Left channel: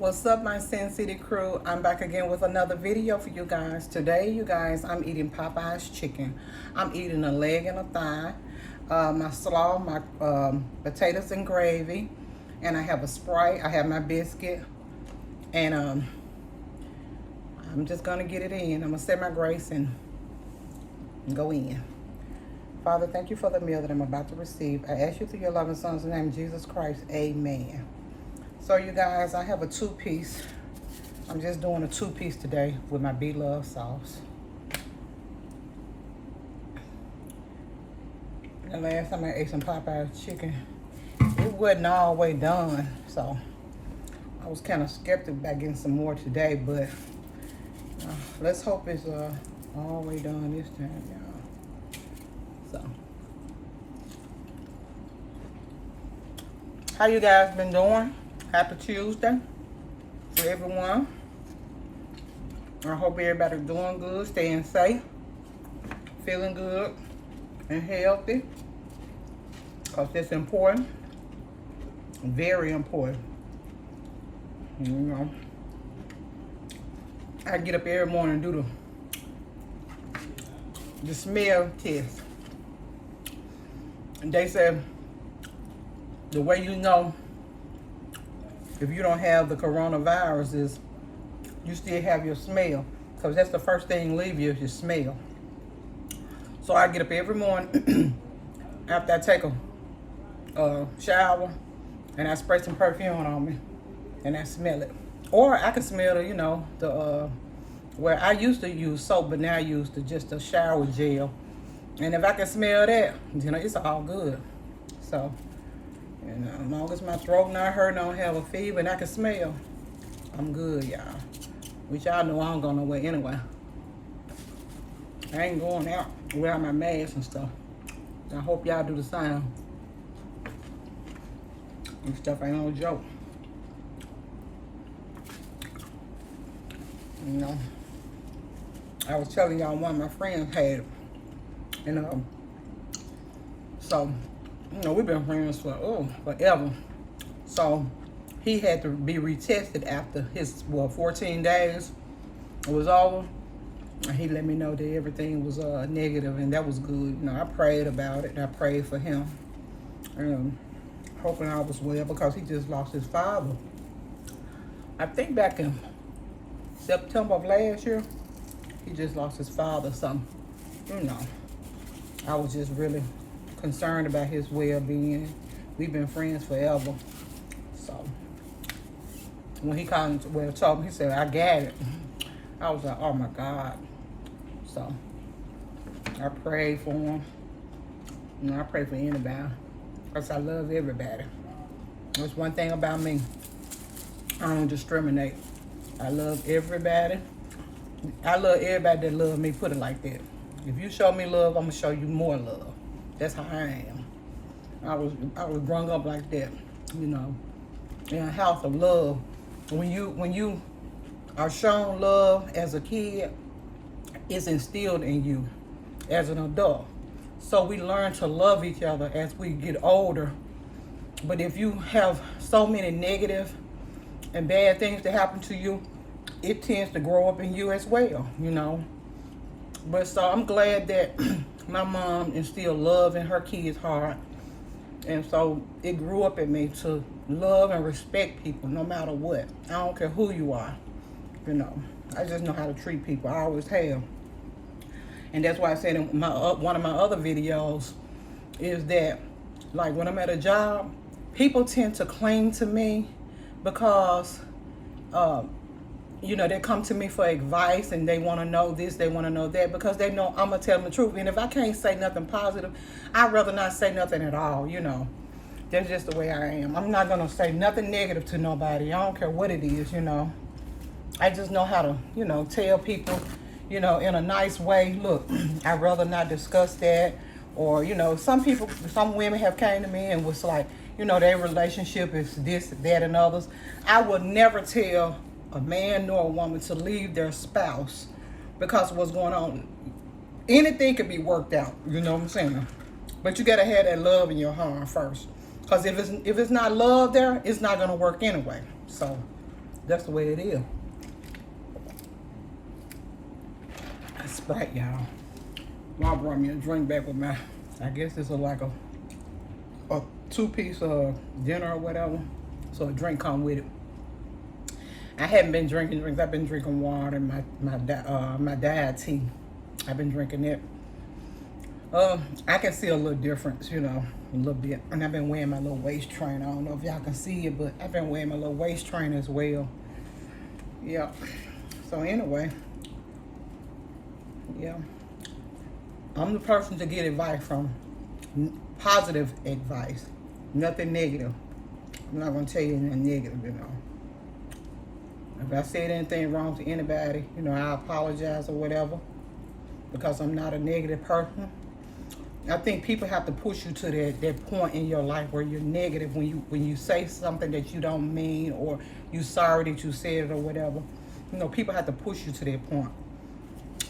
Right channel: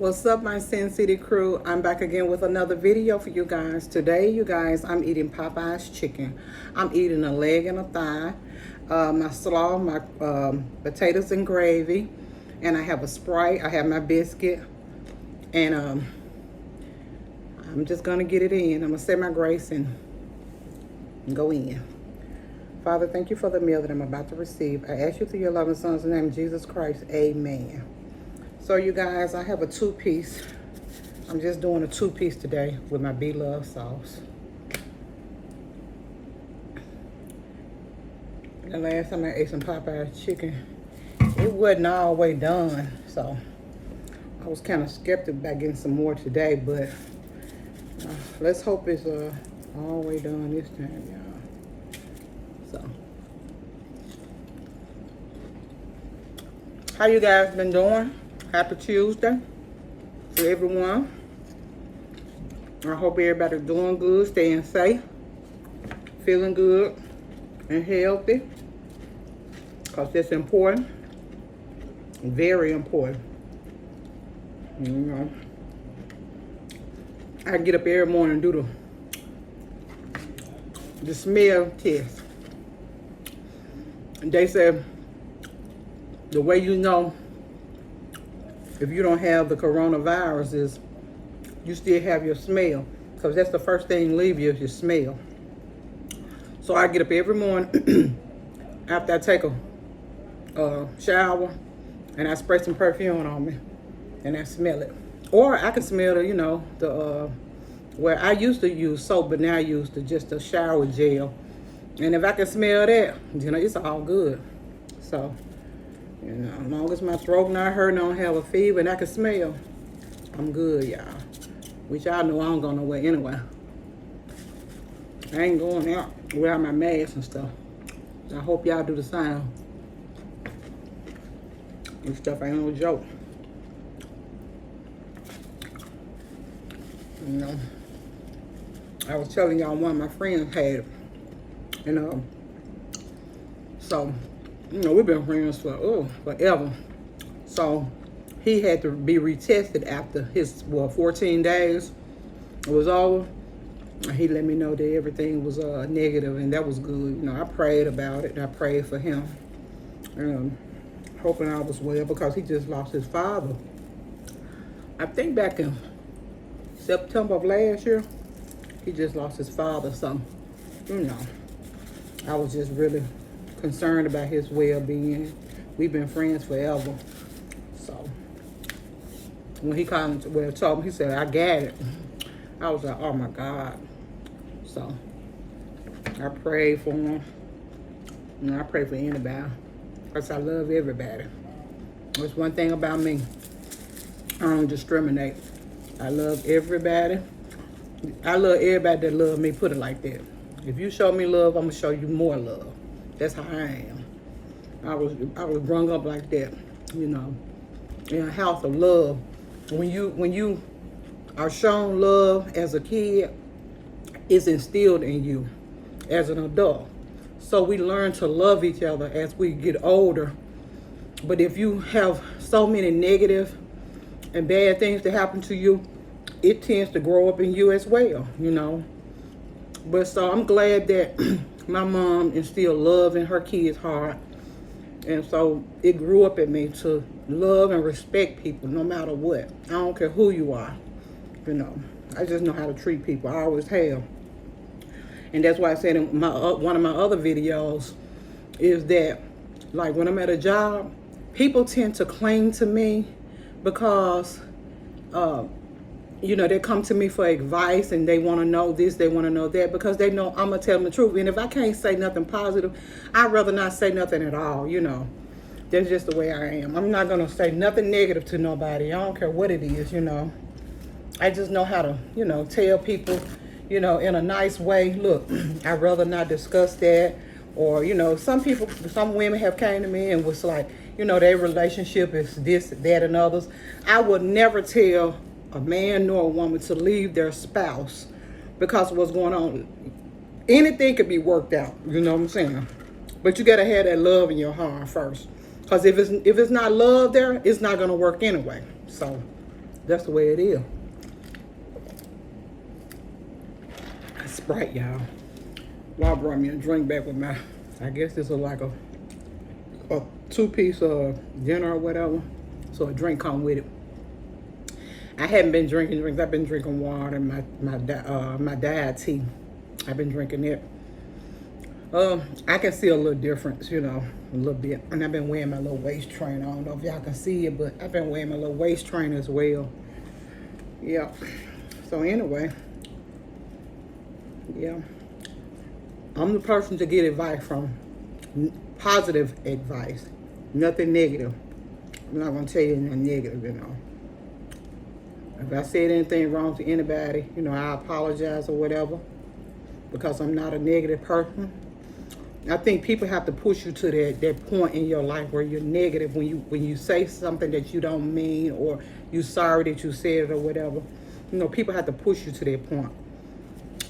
What's up, my Sin City crew? I'm back again with another video for you guys. Today, you guys, I'm eating Popeyes chicken. I'm eating a leg and a thigh, my slaw, my potatoes and gravy, and I have a Sprite. I have my biscuit, and I'm just gonna get it in. I'm gonna say my grace and go in. Father, thank you for the meal that I'm about to receive. I ask you through your loving son's name, Jesus Christ. Amen. So you guys, I have a two-piece. I'm just doing a two-piece today with my beloved sauce. The last time I ate some Popeyes chicken, it wasn't all the way done. So I was kind of skeptical about getting some more today, but let's hope it's all the way done this time, y'all. So, how you guys been doing? Happy Tuesday to everyone. I hope everybody's doing good, staying safe, feeling good and healthy, because that's important, very important. You know, I get up every morning and do the smell test. And they said the way you know if you don't have the coronavirus is you still have your smell, because that's the first thing leave you is your smell. So I get up every morning after I take a shower and I spray some perfume on me and I smell it. Or I can smell the, you know, the where I used to use soap, but now I use just a shower gel. And if I can smell that, you know, it's all good. So, you know, as long as my throat not hurting, I don't have a fever, and I can smell, I'm good, y'all. Which y'all know I don't go nowhere anyway. I ain't going out without my mask and stuff. I hope y'all do the same. This stuff ain't no joke. You know, I was telling y'all one of my friends had it. And so, you know, we've been friends for forever. So he had to be retested after his 14 days was over. He let me know that everything was negative, and that was good. You know, I prayed about it. I prayed for him, hoping I was well, because he just lost his father. I think back in September of last year, he just lost his father. So, you know, I was just really concerned about his well-being. We've been friends forever. So when he told me, he said, I got it. I was like, oh my God. So I prayed for him. And I pray for anybody, because I love everybody. That's one thing about me. I don't discriminate. I love everybody. I love everybody that love me, put it like that. If you show me love, I'm gonna show you more love. That's how I am. I was growing up like that, you know, in a house of love. When you are shown love as a kid, it's instilled in you as an adult. So we learn to love each other as we get older. But if you have so many negative and bad things that happen to you, it tends to grow up in you as well, you know. But so I'm glad that my mom instilled love in her kids' heart. And so it grew up in me to love and respect people no matter what. I don't care who you are, you know. I just know how to treat people. I always have. And that's why I said in one of my other videos is that, like, when I'm at a job, people tend to cling to me because, you know, they come to me for advice and they want to know this, they want to know that, because they know I'm going to tell them the truth. And if I can't say nothing positive, I'd rather not say nothing at all, you know. That's just the way I am. I'm not going to say nothing negative to nobody. I don't care what it is, you know. I just know how to, you know, tell people, you know, in a nice way, look, I'd rather not discuss that. Or, you know, some women have came to me and was like, you know, their relationship is this, that, and others. I would never tell a man nor a woman to leave their spouse because of what's going on. Anything could be worked out, you know what I'm saying? But you gotta have that love in your heart first. Because if it's not love there, it's not gonna work anyway. So That's the way it is. Sprite, y'all. Well, I brought me a drink back with my, I guess this is like a 2-piece dinner or whatever. So a drink come with it. I haven't been drinking drinks. I've been drinking water and my diet tea. I've been drinking it. I can see a little difference, you know, a little bit. And I've been wearing my little waist trainer. I don't know if y'all can see it, but I've been wearing my little waist trainer as well. Yeah. So anyway, yeah. I'm the person to get advice from, positive advice, nothing negative. I'm not gonna tell you anything negative, you know. If I said anything wrong to anybody, you know, I apologize or whatever, because I'm not a negative person. I think people have to push you to that point in your life where you're negative when you say something that you don't mean, or you sorry that you said it or whatever. You know, people have to push you to that point.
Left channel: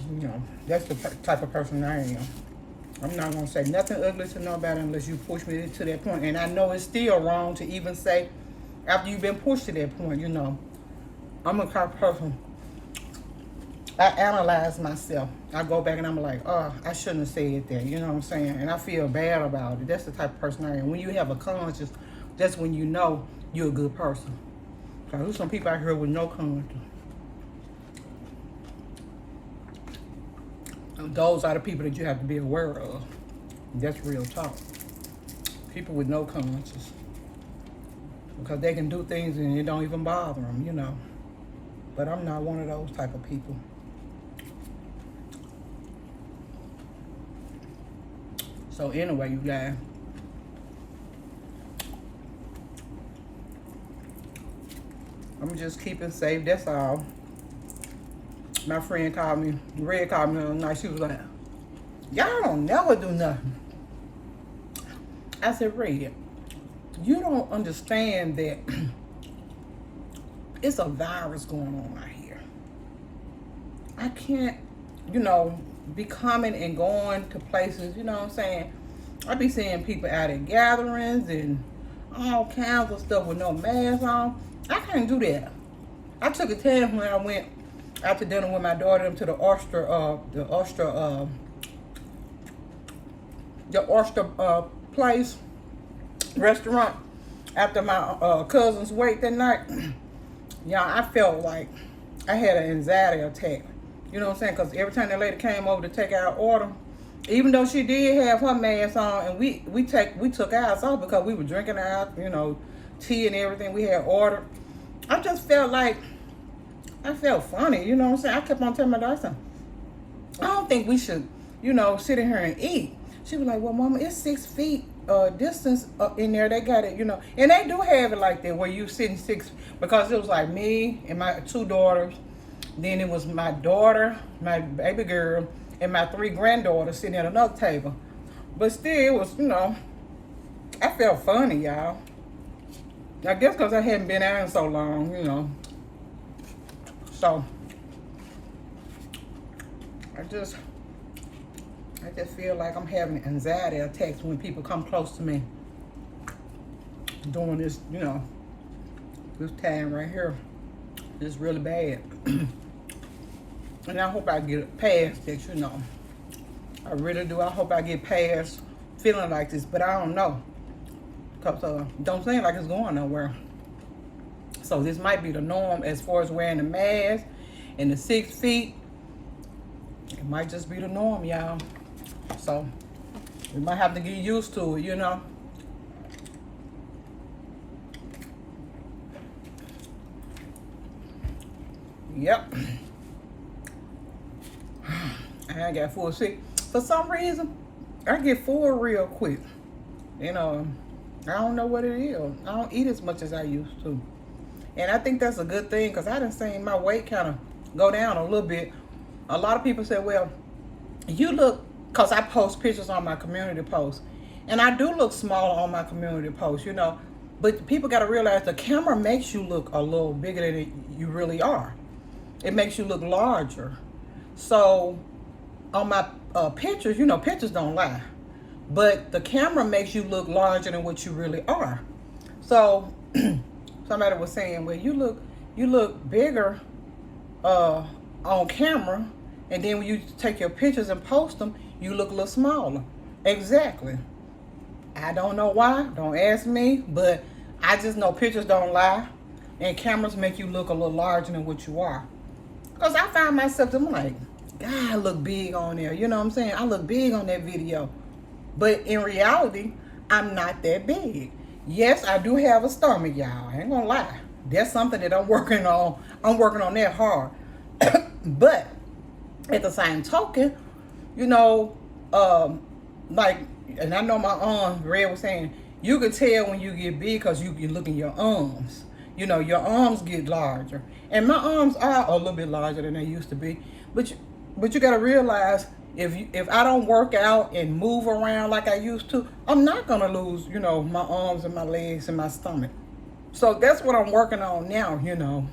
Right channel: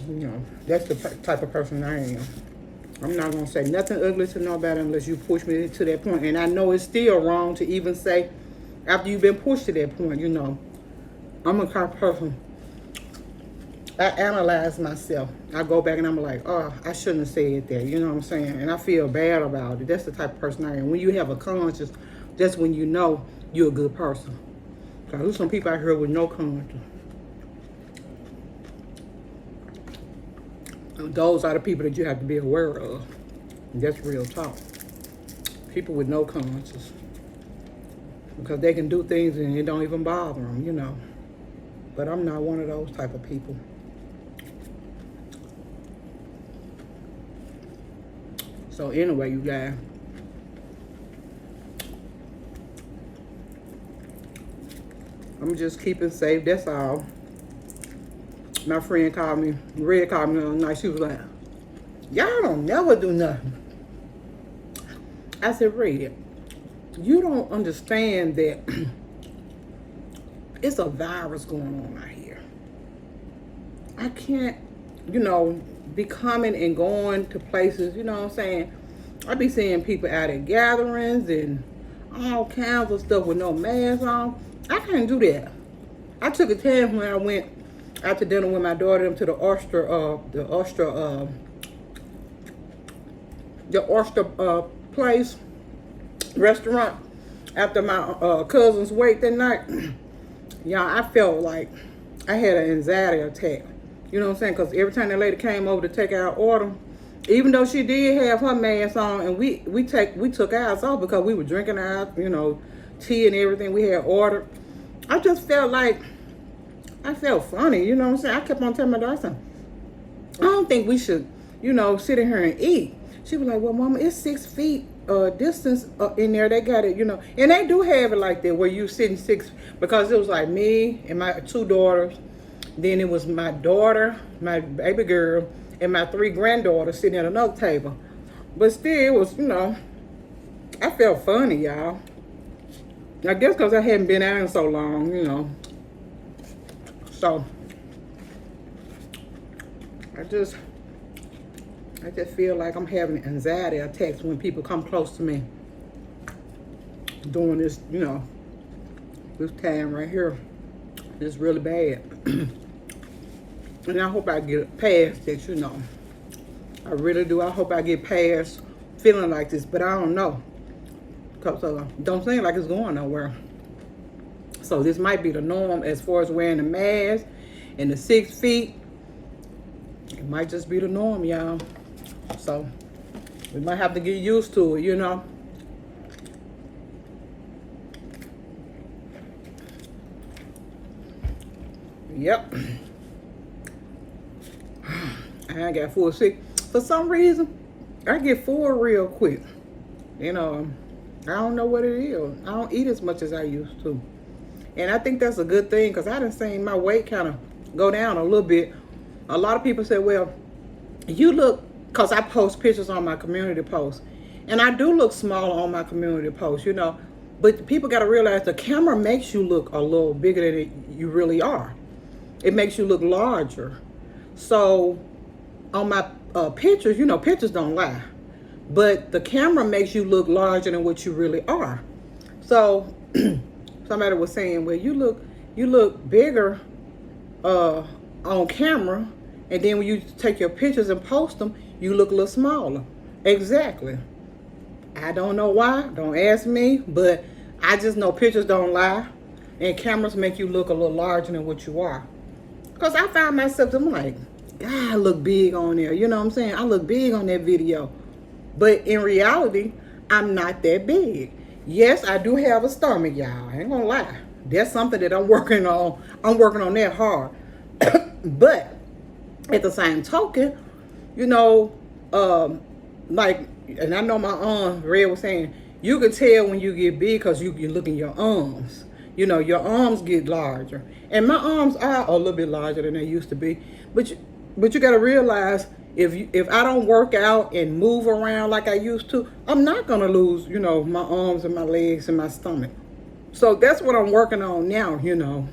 You know, that's the type of person I am. I'm not gonna say nothing ugly to nobody unless you push me to that point. And I know it's still wrong to even say after you've been pushed to that point, you know. I'm a type of person, I analyze myself. I go back and I'm like, oh, I shouldn't have said that. You know what I'm saying? And I feel bad about it. That's the type of person I am. When you have a conscience, that's when you know you're a good person. Because there's some people out here with no conscience. Those are the people that you have to be aware of. That's real talk. People with no conscience. Because they can do things and it don't even bother them, you know. But I'm not one of those type of people. So anyway, you guys. I'm just keeping safe, that's all. My friend called me, Red called me the other night. She was like, y'all don't never do nothing. I said, Red, you don't understand that it's a virus going on out here. I can't, you know, be coming and going to places, you know what I'm saying? I be seeing people out at gatherings and all kinds of stuff with no mask on. I can't do that. I took a chance when I went after dinner with my daughter to the oyster place, restaurant, after my cousin's wake that night. Yeah, I felt like I had an anxiety attack. You know what I'm saying? Because every time that lady came over to take our order, even though she did have her mask on, and we took ours off because we were drinking our, you know, tea and everything we had ordered. I just felt like, I felt funny, you know what I'm saying? I kept on telling my daughter, I don't think we should, you know, sit in here and eat. She was like, well, Mama, it's 6 feet distance in there. They got it, you know. And they do have it like that where you sitting 6, because it was like me and my 2 daughters. Then it was my daughter, my baby girl, and my 3 granddaughters sitting at another table. But still, it was, you know, I felt funny, y'all. I guess because I hadn't been out in so long, you know. So, I just feel like I'm having anxiety attacks when people come close to me during this, you know, this time right here. It's really bad. And I hope I get past that, you know. I really do. I hope I get past feeling like this, but I don't know. Because don't seem like it's going nowhere. So this might be the norm as far as wearing the mask and the 6 feet. It might just be the norm, y'all. So we might have to get used to it, you know. Yep. I got full sick. For some reason, I get full real quick. You know, I don't know what it is. I don't eat as much as I used to. And I think that's a good thing, because I done seen my weight kind of go down a little bit. A lot of people say, well, you look, because I post pictures on my community post. And I do look smaller on my community post, you know. But people got to realize the camera makes you look a little bigger than you really are. It makes you look larger. So on my pictures, you know, pictures don't lie. But the camera makes you look larger than what you really are. So somebody was saying, well, you you look bigger on camera, and then when you take your pictures and post them, you look a little smaller. Exactly. I don't know why. Don't ask me, but I just know pictures don't lie, and cameras make you look a little larger than what you are. Because I find myself, I'm like, God, I look big on there. You know what I'm saying? I look big on that video. But in reality, I'm not that big. Yes, I do have a stomach, y'all. I ain't gonna lie. That's something that I'm working on. I'm working on that hard. But at the same token, you know, like, and I know my aunt Red was saying, you can tell when you get big because you can look in your arms. You know, your arms get larger. And my arms are a little bit larger than they used to be. But you got to realize, if I don't work out and move around like I used to, I'm not going to lose, you know, my arms and my legs and my stomach. So that's what I'm working on now, you know.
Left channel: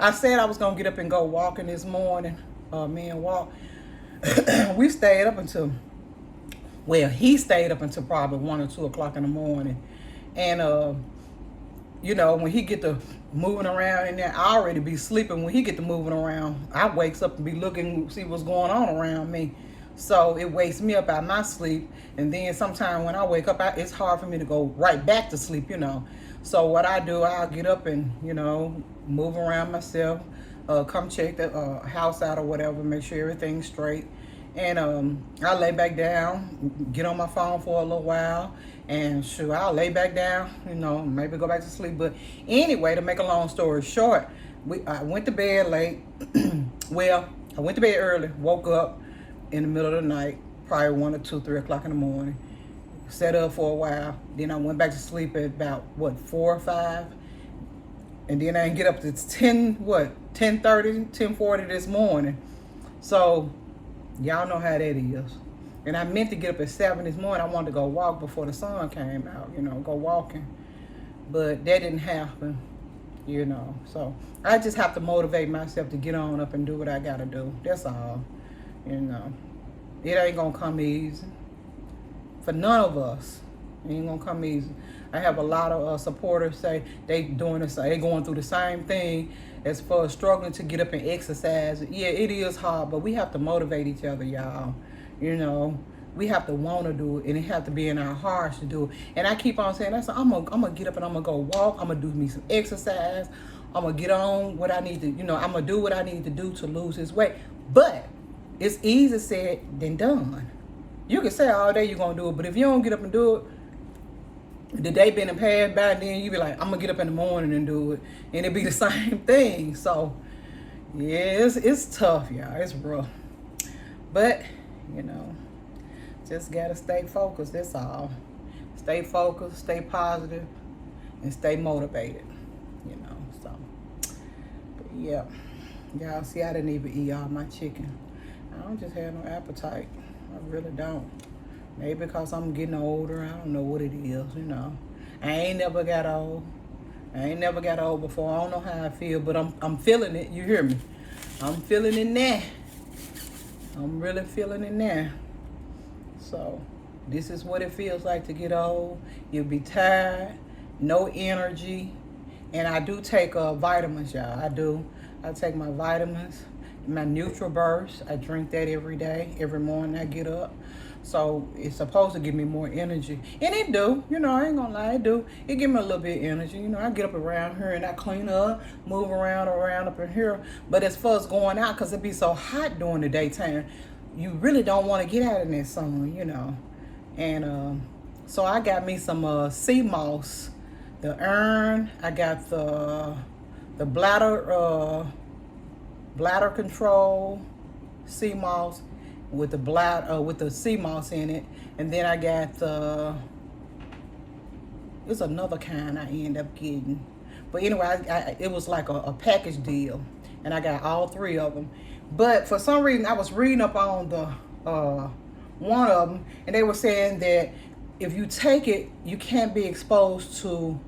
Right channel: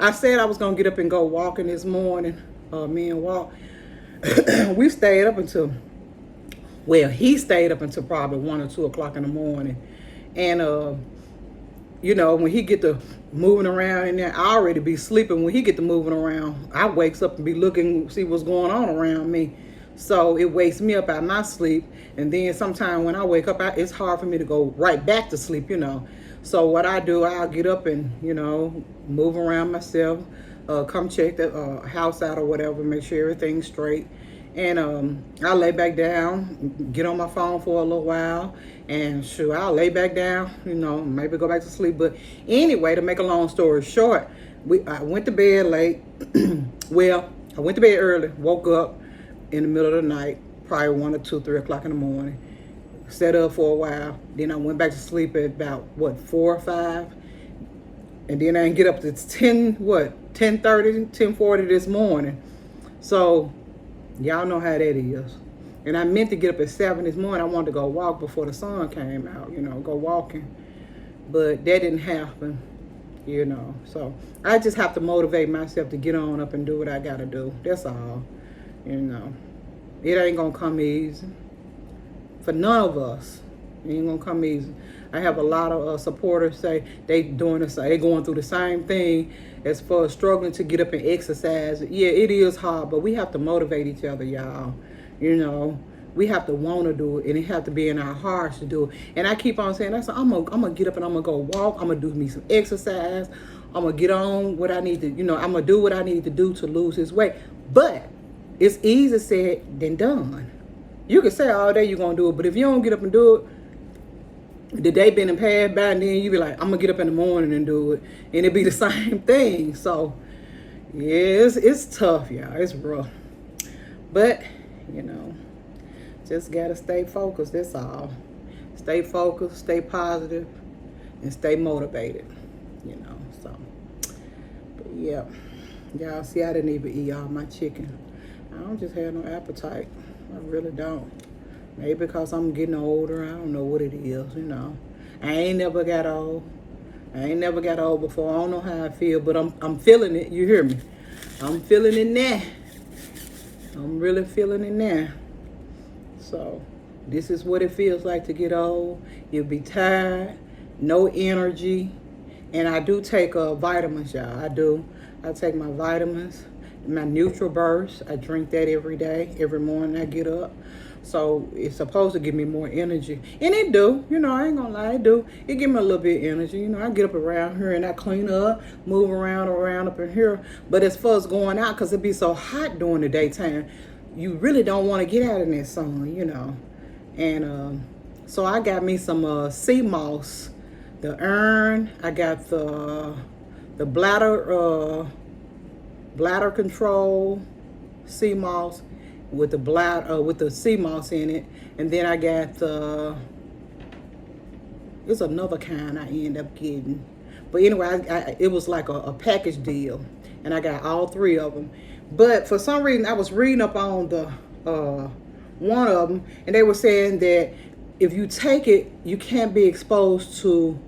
I said I was going to get up and go walking this morning. Me and Walt. We stayed up until, well, he stayed up until probably 1 or 2 o'clock in the morning. And, you know, when he get to moving around in there, I already be sleeping. When he get to moving around, I wakes up and be looking, see what's going on around me. So it wakes me up out of my sleep. And then sometime when I wake up, it's hard for me to go right back to sleep, you know. So what I do, I'll get up and, you know, move around myself, come check the house out or whatever, make sure everything's straight. And I'll lay back down, get on my phone for a little while, and shoot, I'll lay back down, you know, maybe go back to sleep. But anyway, to make a long story short, I went to bed late. Well, I went to bed early, woke up in the middle of the night, probably 1 or 2, 3 o'clock in the morning. Sat up for a while. Then I went back to sleep at about, 4 or 5. And then I didn't get up to 10:30, 10:40 this morning. So y'all know how that is. And I meant to get up at 7 this morning. I wanted to go walk before the sun came out, you know, go walking. But that didn't happen, you know. So I just have to motivate myself to get on up and do what I got to do. That's all, you know. It ain't going to come easy. For none of us, it ain't going to come easy. I have a lot of supporters say they going through the same thing as far as struggling to get up and exercise. Yeah, it is hard, but we have to motivate each other, y'all. You know, we have to want to do it, and it have to be in our hearts to do it. And I keep on saying, I'm gonna get up and I'm gonna go walk. I'm gonna do me some exercise. I'm gonna get on what I need to, you know, I'm gonna do what I need to do to lose this weight. But it's easier said than done. You can say all day you're gonna do it, but if you don't get up and do it, the day been and passed by, and then you be like, I'm gonna get up in the morning and do it, and it be the same thing. So yeah, it's tough, y'all. It's rough, but you know, just gotta stay focused. That's all. Stay focused, stay positive, and stay motivated. You know. So, but yeah, y'all see, I didn't even eat all my chicken. I don't just have no appetite. I really don't. Maybe because I'm getting older. I don't know what it is, you know. I ain't never got old. I ain't never got old before. I don't know how I feel, but I'm feeling it. You hear me? I'm feeling it now. I'm really feeling it now. So this is what it feels like to get old. You'll be tired, no energy. And I do take vitamins, y'all. I do. I take my vitamins, my Neutral Burst. I drink that every day, every morning I get up. So it's supposed to give me more energy. And it do. You know, I ain't gonna lie, it do. It give me a little bit of energy. You know, I get up around here and I clean up, move around up in here. But as far as going out, because it be so hot during the daytime, you really don't want to get out in that sun, you know. And so I got me some sea moss, the urn. I got the bladder control sea moss with the sea moss in it. And then I got it's another kind I end up getting. But anyway, it was like a package deal, and I got all 3 of them. But for some reason, I was reading up on the one of them, and they were saying that if you take it, you can't be exposed to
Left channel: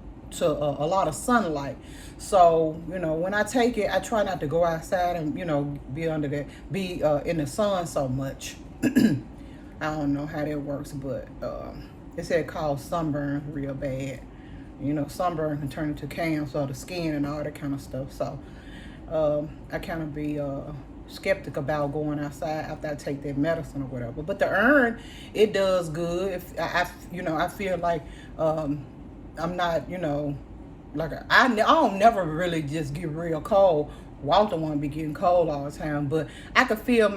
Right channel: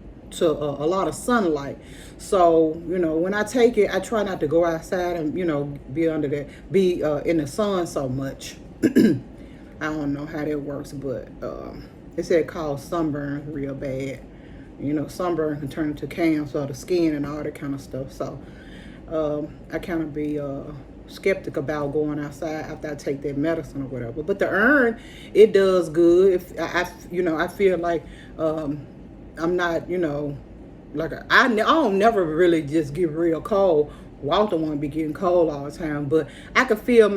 a lot of sunlight. So, you know, when I take it, I try not to go outside and, you know, be in the sun so much. I don't know how that works, but it said it causes sunburn real bad. You know, sunburn can turn into cancer of the skin and all that kind of stuff. So I kind of be skeptic about going outside after I take that medicine or whatever. But the iron, it does good. If you know, I feel like I'm not, you know, like I don't never really just get real cold. Walter want to be getting cold all the time, but I could feel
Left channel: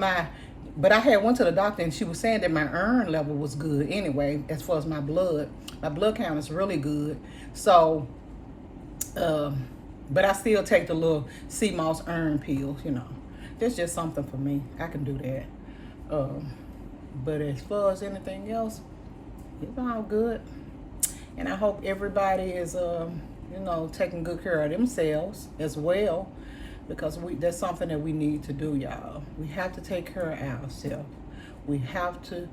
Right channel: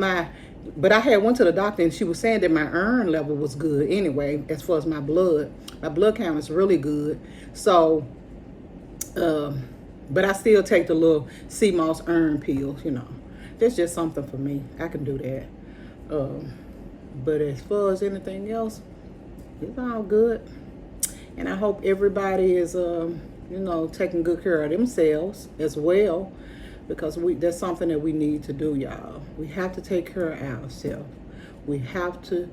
but I had went to the doctor and she was saying that my iron level was good anyway, as far as my blood count is really good. So, but I still take the little sea moss iron pills, you know. That's just something for me. I can do that. But as far as anything else, it's all good. And I hope everybody is, you know, taking good care of themselves as well, because that's something that we need to do, y'all. We have to take care of ourselves. We have to,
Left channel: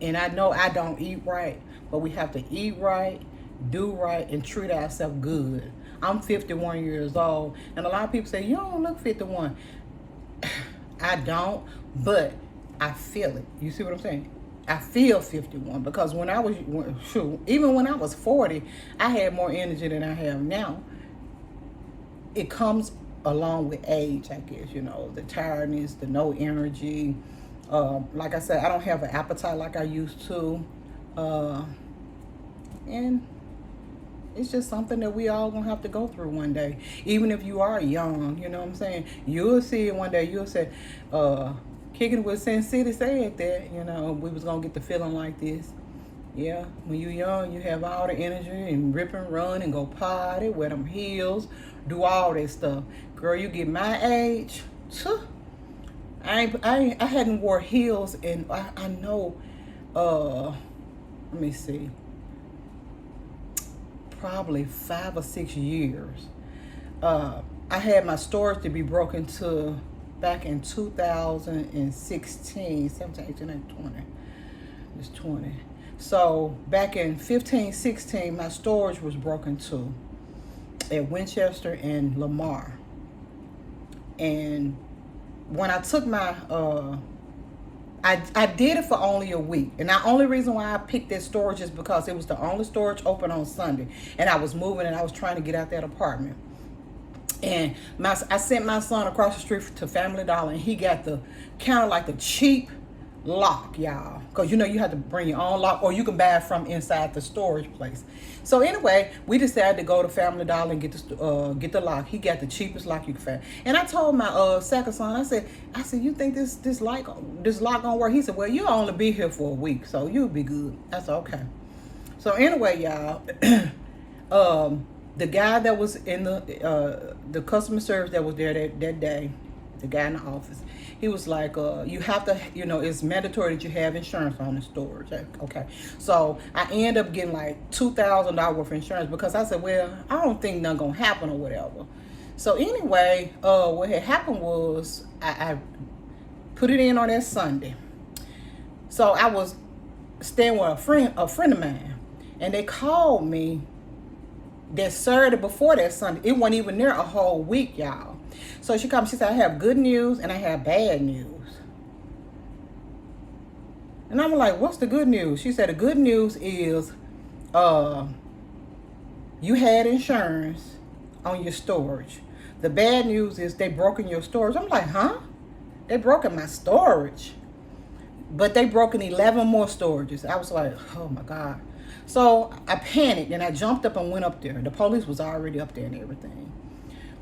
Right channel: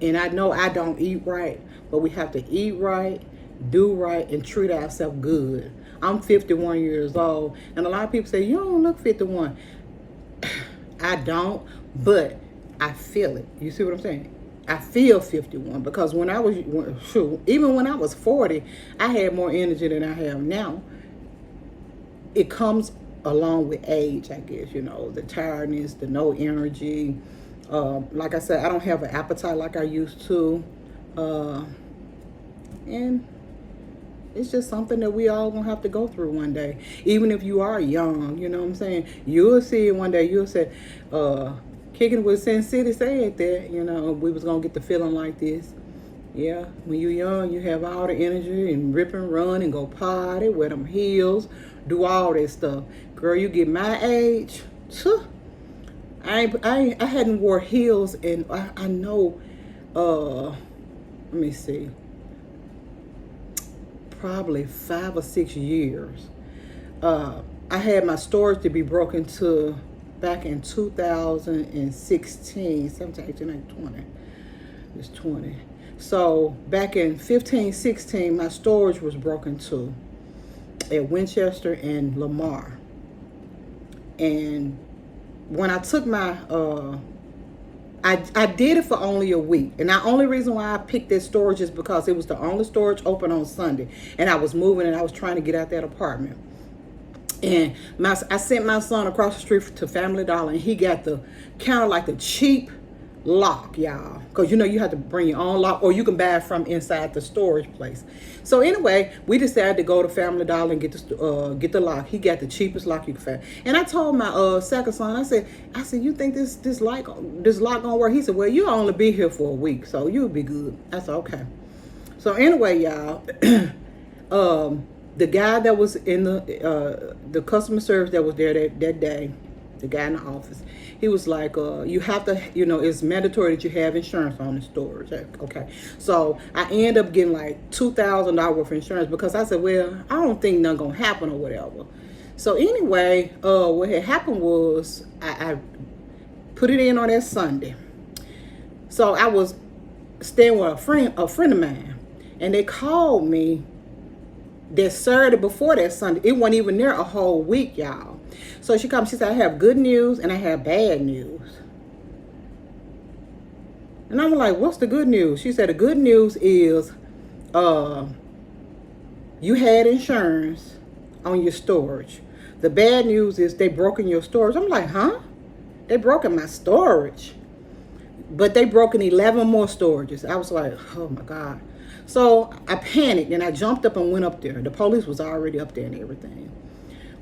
and I know I don't eat right, but we have to eat right, do right, and treat ourselves good. I'm 51 years old, and a lot of people say, you don't look 51. I don't, but I feel it. You see what I'm saying? I feel 51 because even when I was 40, I had more energy than I have now. It comes along with age, I guess, you know, the tiredness, the no energy. Like I said, I don't have an appetite like I used to. And it's just something that we all gonna have to go through one day. Even if you are young, you know what I'm saying? You'll see it one day. You'll say, Kicking with Sin City said that, you know, we was gonna get the feeling like this. Yeah, when you're young, you have all the energy and rip and run and go potty, wear them heels, do all that stuff. Girl, you get my age, I hadn't wore heels in, I know, let me see, probably 5 or 6 years. I had my storage to be broken to back in 2016, 17, 18, 19, 20. It's 20. So back in 15, 16, my storage was broken to at Winchester and Lamar. And when I took my, I did it for only a week. And the only reason why I picked that storage is because it was the only storage open on Sunday. And I was moving and I was trying to get out that apartment. And I sent my son across the street to Family Dollar, and he got the kind of like the cheap lock, y'all, because you know you have to bring your own lock, or you can buy it from inside the storage place. So anyway, we decided to go to Family Dollar and get the lock. He got the cheapest lock you can find. And I told my second son, I said, you think this lock gonna work? He said, well, you'll only be here for a week, so you'll be good. I said, okay. So anyway, y'all, the guy that was in the customer service that was there that day, the guy in the office, he was like, you have to, you know, it's mandatory that you have insurance on the storage. Okay. So I ended up getting like $2,000 worth of insurance because I said, well, I don't think nothing gonna happen or whatever. So anyway, what had happened was I put it in on that Sunday. So I was staying with a friend of mine, and they called me that Saturday before that Sunday. It wasn't even there a whole week, y'all. So she called me, she said, I have good news and I have bad news. And I'm like, what's the good news? She said, the good news is you had insurance on your storage. The bad news is they broken your storage. I'm like, huh? They broken my storage. But they broken 11 more storages. I was like, oh my God. So I panicked and I jumped up and went up there. The police was already up there and everything.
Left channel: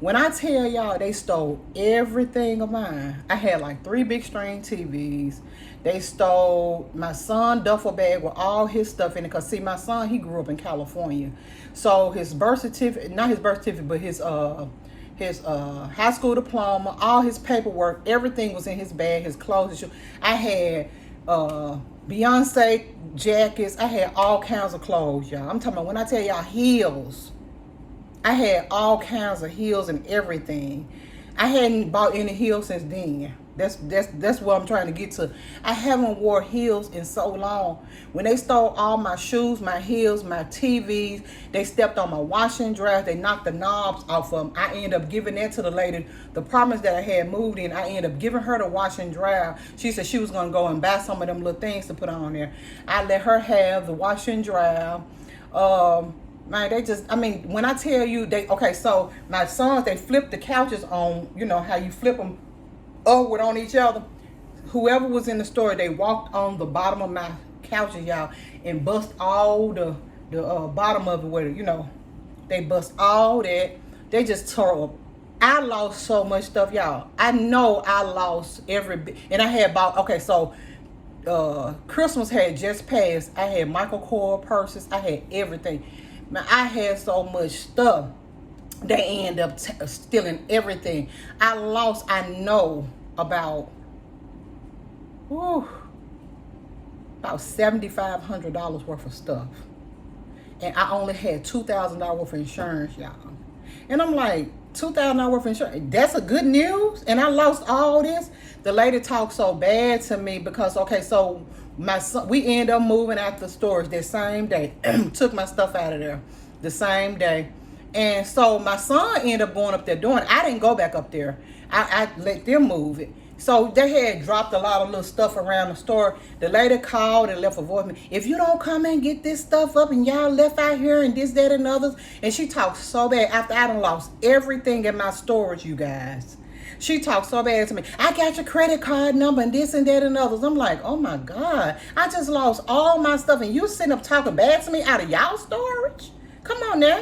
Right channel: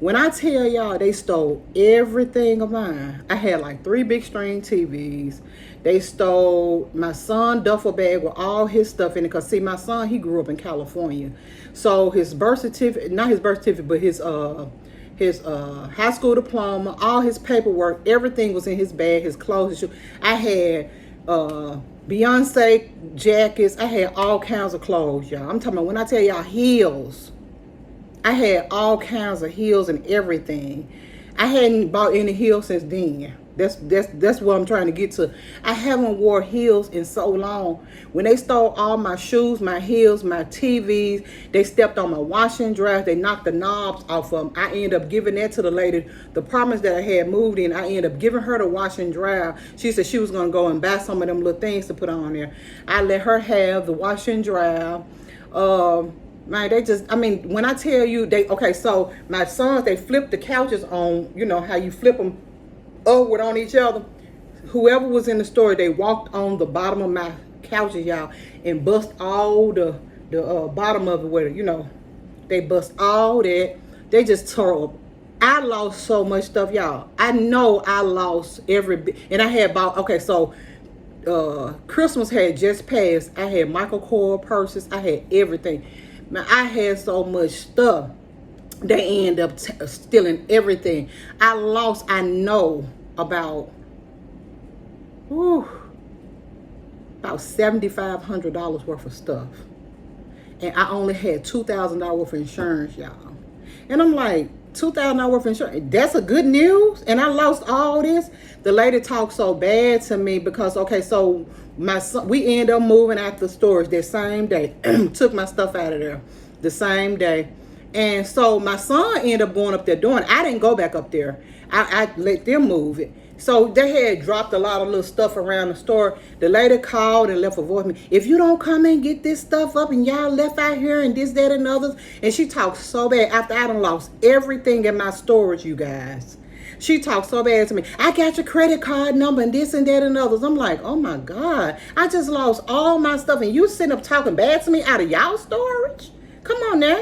When I tell y'all they stole everything of mine, I had like 3 big screen TVs. They stole my son's duffel bag with all his stuff in it. Because see, my son, he grew up in California. So his birth certificate, not his birth certificate, but his high school diploma, all his paperwork, everything was in his bag, his clothes, his shoes. I had Beyonce jackets. I had all kinds of clothes, y'all. I'm talking about when I tell y'all heels, I had all kinds of heels and everything. I hadn't bought any heels since then. That's what I'm trying to get to. I haven't wore heels in so long. When they stole all my shoes, my heels, my TVs, they stepped on my washer and dryer. They knocked the knobs off of them. I ended up giving that to the lady. The apartments that I had moved in, I ended up giving her the washer and dryer. She said she was going to go and buy some of them little things to put on there. I let her have the washer and dryer. Man, they just, I mean, when I tell you, okay, so my sons, they flipped the couches on, you know, how you flip them upward on each other. Whoever was in the store, they walked on the bottom of my couches, y'all, and bust all the bottom of it where, you know, they bust all that. They just tore up. I lost so much stuff, y'all. I know I lost every bit. And I had bought, okay, so Christmas had just passed. I had Michael Kors purses. I had everything. Man, I had so much stuff. They end up stealing everything. I lost, I know, about $7,500 worth of stuff. And I only had $2,000 worth of insurance, y'all. And I'm like, $2,000 worth of insurance, that's a good news? And I lost all this? The lady talked so bad to me because, okay, so my son, we ended up moving out the storage that same day. Took my stuff out of there the same day. And so my son ended up going up there doing it. I didn't go back up there. I let them move it. So they had dropped a lot of little stuff around the store. The lady called and left a voicemail. If you don't come and get this stuff up and y'all left out here and this, that, and others. And she talked so bad after I done lost everything in my storage, you guys. She talked so bad to me. I got your credit card number and this and that and others. I'm like, oh my God. I just lost all my stuff and you sitting up talking bad to me out of y'all storage? Come on now.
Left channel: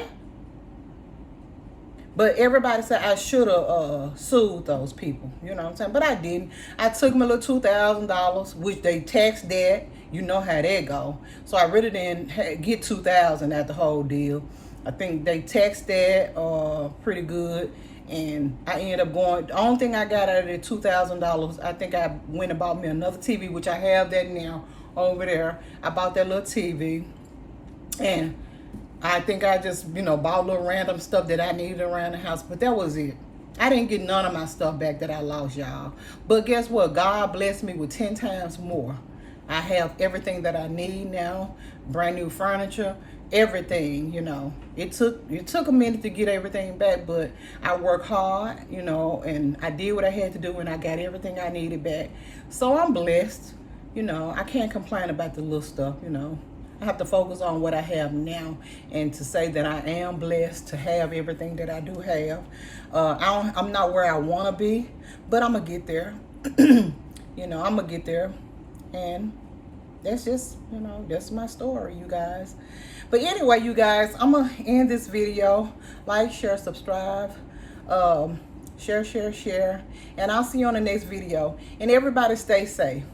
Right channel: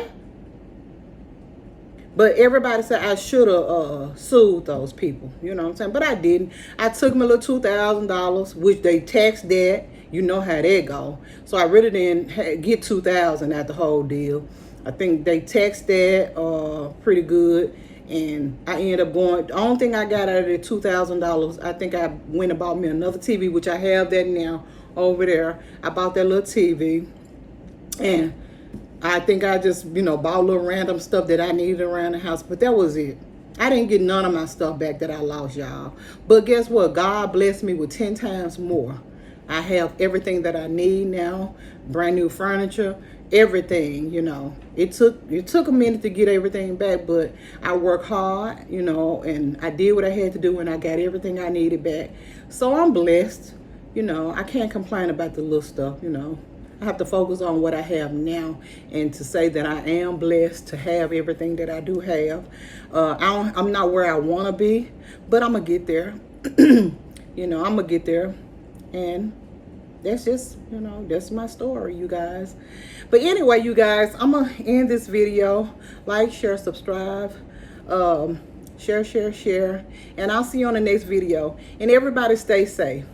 But everybody said I should have sued those people. You know what I'm saying? But I didn't. I took my little $2,000, which they taxed that. You know how that go. So I really didn't get $2,000 at the whole deal. I think they taxed that pretty good. And I ended up going, the only thing I got out of the $2,000, I think I went and bought me another TV, which I have that now over there. I bought that little TV. And I think I just, you know, bought little random stuff that I needed around the house. But that was it. I didn't get none of my stuff back that I lost, y'all. But guess what? God blessed me with 10 times more. I have everything that I need now. Brand new furniture. Everything, you know. It took a minute to get everything back. But I worked hard, you know. And I did what I had to do. And I got everything I needed back. So I'm blessed. You know, I can't complain about the little stuff, you know. I have to focus on what I have now and to say that I am blessed to have everything that I do have. I'm not where I want to be, but I'm going to get there. You know, I'm going to get there. And that's just, you know, that's my story, you guys. But anyway, you guys, I'm going to end this video. Like, share, subscribe. Share. And I'll see you on the next video. And everybody stay safe.